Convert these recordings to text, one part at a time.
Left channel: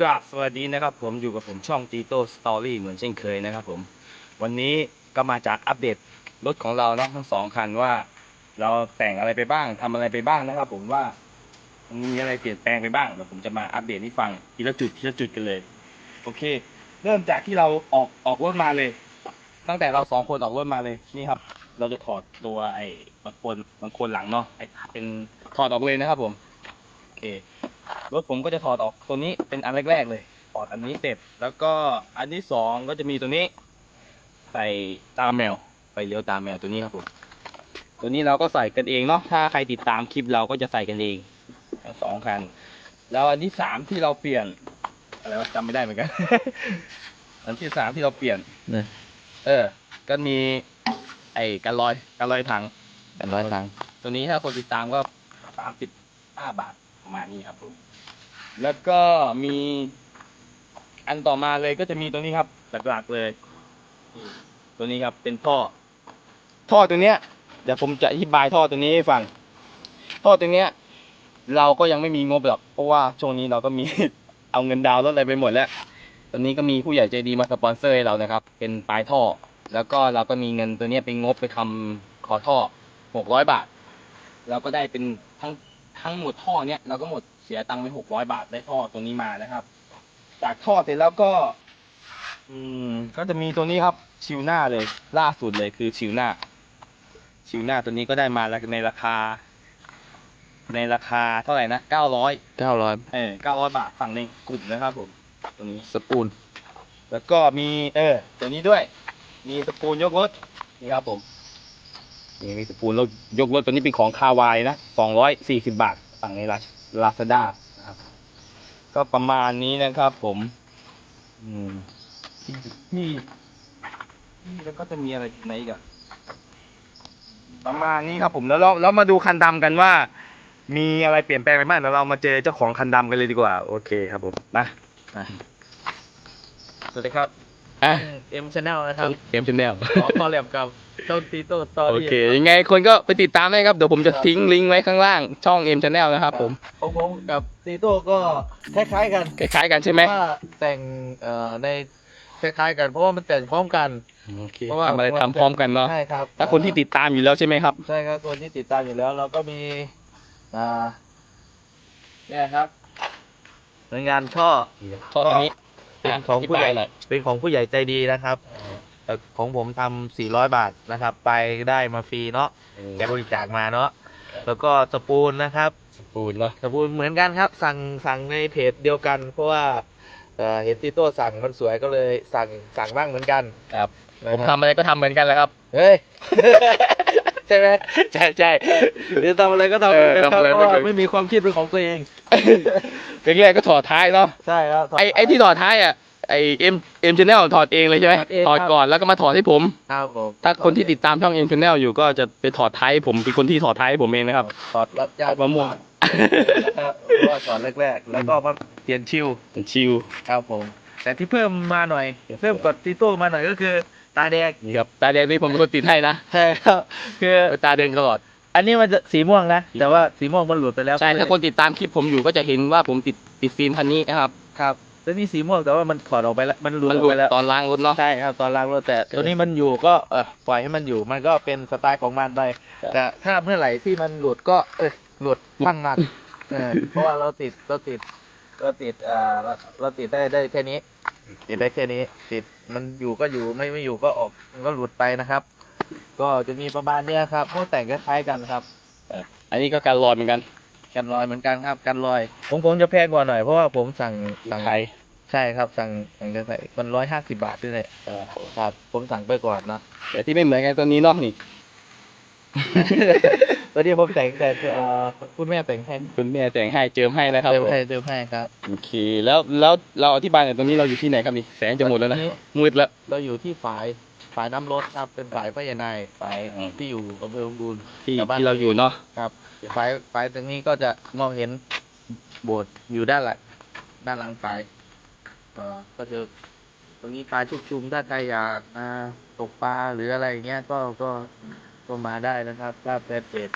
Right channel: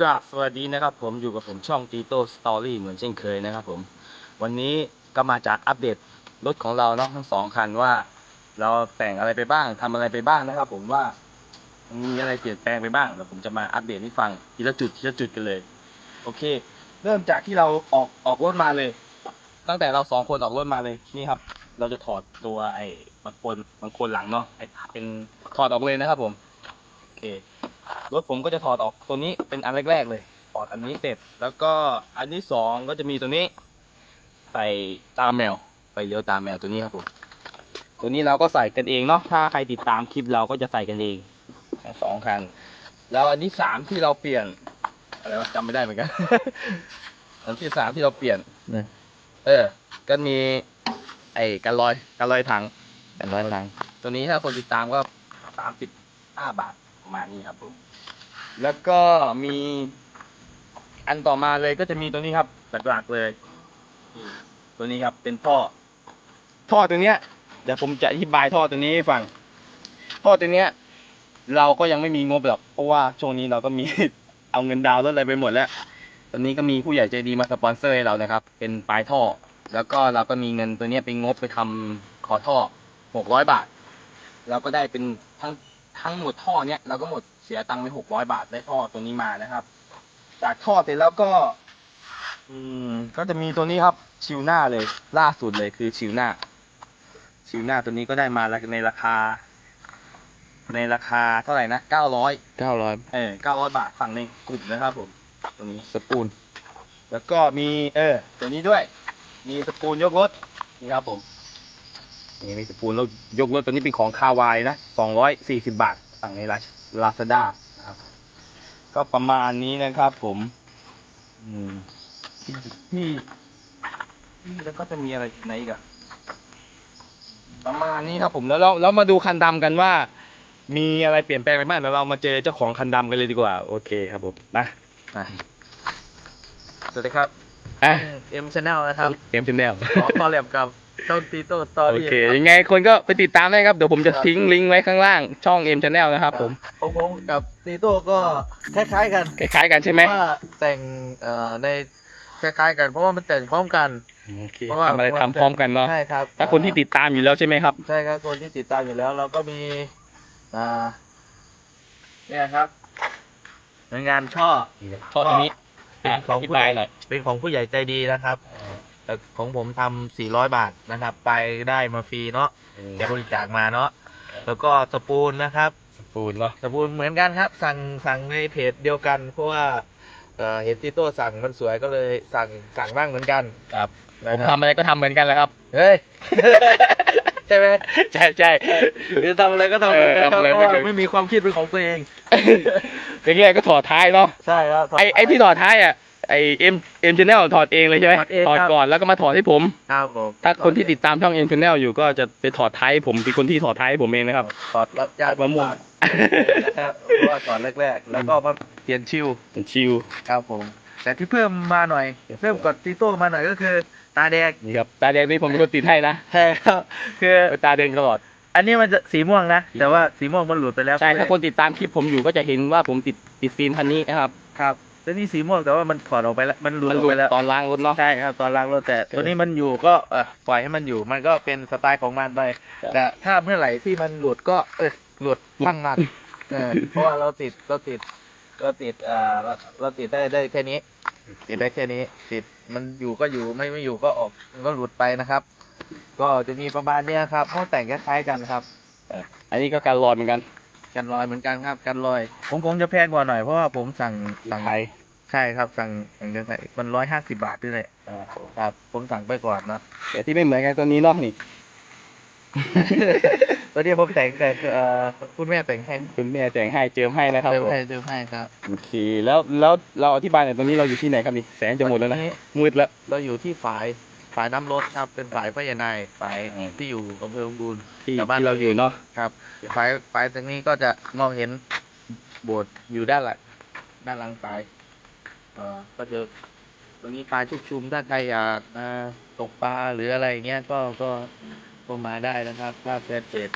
กราบสวัสดีนะครับผมอยู่กับผมช่องตีโต้สตอรี่เหมือนเช่นเคยนะครับผม วันนี้ก็มาจากอัปเดตรถของเราเนาะทั้งสองคันว่า เราแต่งอะไรไปบ้างทำอะไรไปบ้างนะครับ ผมว่ามีอะไรเปลี่ยนแปลงไปบ้างเดี๋ยวผมจะมาอัปเดตให้ฟังทีละจุดทีละจุดกันเลย โอเค เริ่มจากที่เราออกออกรถมาเลย ตั้งแต่เราสองคนออกรถมาเลยนี่ครับ เราจะถอดตัวไอ้บางคนบางคนหลังเนาะไอ้เป็นถอดออกเลยนะครับผมโอเค รถผมก็จะถอดออกตัวนี้เป็นอันแรกๆเลยถอดอันนี้เสร็จแล้วก็อันที่สองก็จะมีตัวนี้ ใส่ตาแมวไฟเลี้ยวตาแมวตัวนี้ครับผมตัวนี้เราก็ใส่กันเองเนาะถ้าใครติดตามคลิปเราก็จะใส่กันเองทั้งสองคัน แล้วอันที่สามที่เราเปลี่ยนอะไรวะจำไม่ได้เหมือนกัน อันที่สามที่เราเปลี่ยนเนี่ยเออ ก็มี ไอ้กันลอยกันลอยถังเป็นร้อยตังค์ตัวนี้ถ้าคนติดตามก็สามสิบห้าบาท ประมาณนี้ครับผม แล้วก็มีอันต่อมาเลยก็จะมีตัวนี้ครับหลักๆเลยนี่ตัวนี้ครับเป็นท่อ ท่อตัวเนี้ยเดี๋ยวผมจะอธิบายท่อตัวนี้ให้ฟัง ท่อตัวเนี้ย เราก็ยังไม่มีงบหรอกเพราะว่าช่วงนี้เราก็มี เอาเงินดาวน์รถอะไรไปหมดแล้ว ตอนนี้ก็มีผู้ใหญ่ใจดีมาสปอนเซอร์ให้เรานะครับ เป็นปลายท่อ แล้วก็เราก็มีเงินตัวเนี้ยไปงบไปทำขอท่อหกร้อยบาท เราก็ได้เป็นทั้ง ทั้งหมดท่อเนี้ยเราก็หมดเสียตังค์ไปหกร้อยบาทได้ท่อตัวนี้มานะครับ จากท่อเสร็จแล้วก็ อืม ก็จะมีตัวนี้ครับ ชิวหน้าเลย ล่าสุดเลยคือชิวหน้า ชิวหน้าตัวนี้ก็ได้มาในราคา ในราคาเท่าไหร่นะเก้าร้อยเก้าร้อยเออเก้าร้อยบาทฝั่งในกลุ่มนะครับผมตัวนี้ สปูน แล้วก็มี เออตัวนี้ด้วย มีสปูนยกรถนี่ครับผม นี่มีสปูนแล้วยกรถตัวนี้เป็นของคาวายนะสองร้อยสี่สิบาท สั่งในลาลาซาด้าครับ ก็ประมาณนี้นะครับผม อืมที่ที่แล้วก็จะมีอะไรไหนอีกอะประมาณนี้ครับผมแล้วเราเรามาดูคันดำกันว่า มีอะไรเปลี่ยนแปลงไปบ้างเดี๋ยวเรามาเจอเจ้าของคันดำกันเลยดีกว่า โอเคครับผมนะอะสวัสดีครับ อะเอ็มชแนลนะครับเกมชแนลขอคอลแลบกับช่องตีโต้สตอโอรี่เค ยังไงคนก็ไปติดตามได้ครับ เดี๋ยวผมจะทิ้งลิงก์ไว้ข้างล่างช่องเอ็มชแนลนะครับผมของผมกับตีโต้ก็คล้ายๆกันคล้ายๆกันใช่ไหมว่าแต่งเอ่อในคล้ายๆกันเพราะว่ามันแต่งพร้อมกัน โอเคเพราะว่า ทำอะไรทำพร้อมกันเนาะใช่ครับถ้าคนที่ติดตามอยู่แล้วใช่ไหมครับ ใช่ครับคนที่ติดตามอยู่แล้ว เราก็มีอ่าเนี่ยครับหน่วยงานช่อท่อตัวนี้ เป็นของธิผู้บาใหยญ่หน่อยเป็นของผู้ใหญ่ใจดีนะครับแต่ของผมทำ400บาทนะครับ ไปได้มาฟรีเนาะแกบริจาคมาเนาะแล้วก็สปูนนะครับ สปูนเนาะสปูนเหมือนกันครับ สั่งสั่งในเพจเดียวกัน เพราะว่าเอ่อเห็นติโต้สั่งมันสวยก็เลยสั่งสั่งบ้างเหมือนกัน ครับนะผมครับทำอะไรก็ทำเหมือนกันแหล้วครับ เฮ้ย ใช่ไหมใช่ใช่หรือทำอะไรก็ทำเออปทำอะไรเพไม่ราะเคยว่าไม่มีความคิดเป็นของตัวเองเป็นแรกก็ถอดท้ายเนาะใช่ครับ ไอไอที่ถอดท้ายอะไอเอ็มเอ็มชแนลถอดเองเลยใช่ไหมถอดเองถอดครับก่อนแล้วก็มาถอดให้ผม ครับผมถ้าคนที่ติดตามช่องเอ็มชแนลอยู่ก็จะไปถอดท้ายให้ผมเป็นคนที่ถอดท้ายให้ผมเองนะครับ ถอดรับญาติมะม่วง นะครับเพราะว่าก่อนแรก ๆ แล้วก็มาเปลี่ยนชิวเป็นชิว ครับผม แต่ที่เพิ่มมาหน่อย เพิ่มกับติโต้มาหน่อยก็คือ ตาแดงนี่ครับตาแดงนี่ผมเป็นคนติดให้นะใช่ครับคือตาแดงตลอด อันนี้มันจะสีม่วงนะ แต่ว่าสีม่วงมันหลุดไปแล้วใช่ถ้าคนติดตามคลิปผมอยู่ก็จะเห็นว่าผมติดติดฟิล์มคันนี้นะครับครับแล้วนี่สีม่วงแต่ว่ามันถอดออกไปแล้วมันหลุดมันอหอกลุดไปแล้วตอนล้างรถเนาะใช่ครับตอนล้างรถแต่ตัวนี้มันอยู่ก็เออปล่อยให้มันอยู่มันก็เป็นสไตล์ของมันไปครับแต่ถ้าเมื่อไหร่ที่มันหลุดก็เออหลุดตั้งงานเออเพราะว่าเราติดเราติดเราติดเอ่อเราเราติดได้ได้แค่นี้ ติดได้แค่นี้ติดมันอยู่ก็อยู่ไม่ไม่อยู่ก็ออกมันก็หลุดไปนะครับ ก็จะมีประมาณเนี้ยครับเพราะแต่งคล้ายๆกันครับอันนี้ก็การลอยเหมือนกัน กันรอยเหมือนกันครับ กันรอยผมผมจะแพงกว่าหน่อยเพราะว่าผมสั่งสั่งไทยใช่ครับสั่งสั่งจะใส่มันร้อยห้าสิบบาทด้วยเลยครับ ผมสั่งไปก่อนนะแต่ที่ไม่เหมือนกันตัวนี้เนาะนี่ ตัวนี้ผมแต่งแต่เอ่อคุณแม่แต่งให้คุณแม่แต่งให้เจิมให้นะครับเติมผมให้เติมให้ครับ โอเค แล้วแล้วเราอธิบายหน่อยตรงนี้เราอยู่ที่ไหนครับนี่แสงจะหมดแล้วนะมืดแล้ว เราอยู่ที่ฝายฝายน้ำรถครับเป็นฝายพญานายฝายอืม ที่อยู่อำเภอบุญที่แต่บ้าน ที่เราอยู่เนาะครับฝายฝายตรงนี้ก็จะมองเห็นโบสถ์อยู่ด้านหลังด้านหลังฝายเอ่อก็จะตรงนี้ปลาชุกชุมถ้าใครอยากมาตกปลาหรืออะไรอย่างเงี้ยก็ก็ ก็มาได้นะครับถ้าแฟนเพจ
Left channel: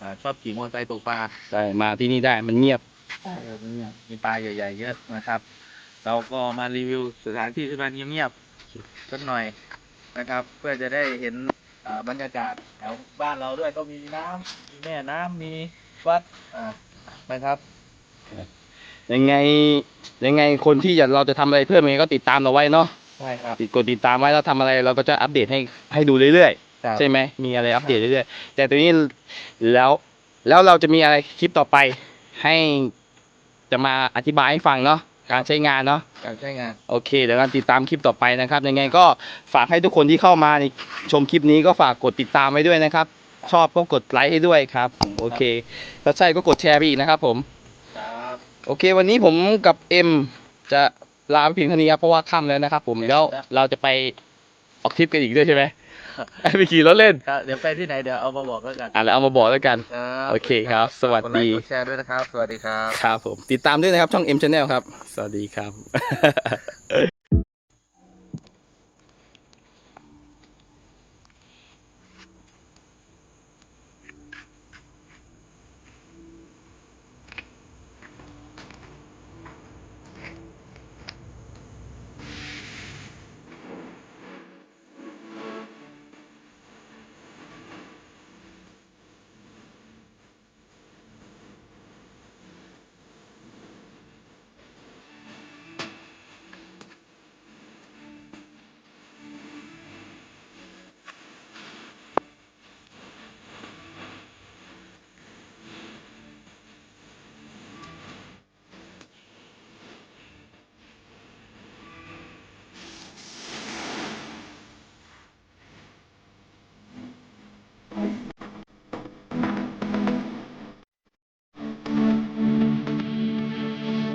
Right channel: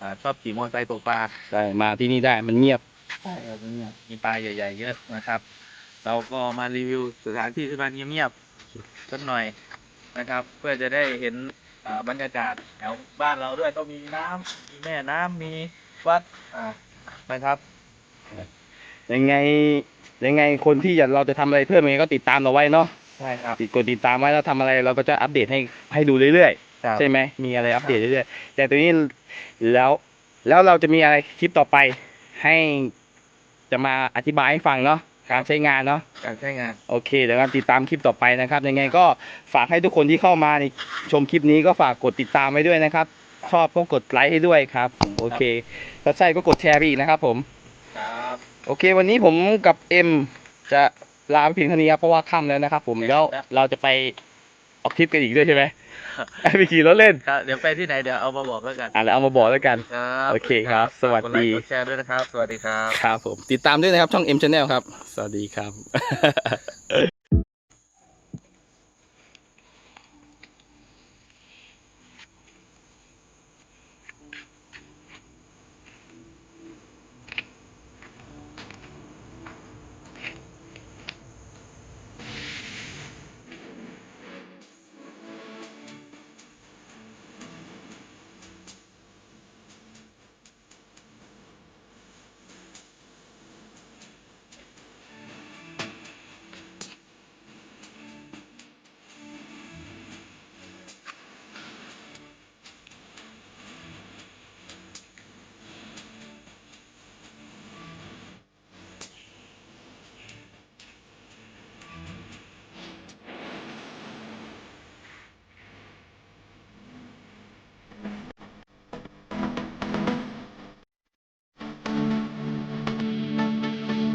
อ่าชอบขี่มอเตอร์ไซค์ตกปลาใช่มาที่นี่ได้มันเงียบใช่ครับเนี่ยมีปลาใหญ่ๆเยอะนะครับ เราก็มารีวิวสถานที่ที่มันเงียบๆสักหน่อยนะครับ เพื่อจะได้เห็นอ่าบรรยากาศแถวบ้านเราด้วยก็มีน้ำมีแม่น้ำมีวัดอ่านะครับ ยังไงยังไงคนที่อยากเราจะทำอะไรเพิ่มยังไงก็ติดตามเราไว้เนาะ ใช่ครับติดกดติดตามไว้แล้วทำอะไรเราก็จะอัปเดตให้ให้ดูเรื่อยครับๆใช่ไหมมีอะไรอัปเดตเรื่อยๆ แต่ตัวนี้แล้วแล้วเราจะมีอะไรคลิปต่อไปให้จะมาอธิบายให้ฟังเนาะการใช้งานเนาะการใช้งานโอเคเดี๋ยวกันติดตามคลิปต่อไปนะครับ ยังไงก็ฝากให้ทุกคนที่เข้ามาในชมคลิปนี้ก็ฝากกดติดตามไว้ด้วยนะครับ ชอบก็กดไลค์ให้ด้วยครับผมโอเคถ้าใช่ก็กดแชร์ไปอีกนะครับผมครับโอเค วันนี้ผมกับเอ็มจะ ลาไปเพียงเท่านี้ครับเพราะว่าค่ำแล้วนะครับผมแล้วเราจะไปออกทริปกันอีกด้วยใช่ไหมไปขี่รถเล่นครับเดี๋ยวไปที่ไหนเดี๋ยวเอามาบอกแล้วกันอะแล้วเอามาบอกแล้วกันครับโอเคครับ สวัสดีกไลค์กดแชร์ด้วยนะครับ สวัสดีครับครับผมติดตามด้วยนะครับช่อง M Channel ครับ สวัสดีครับ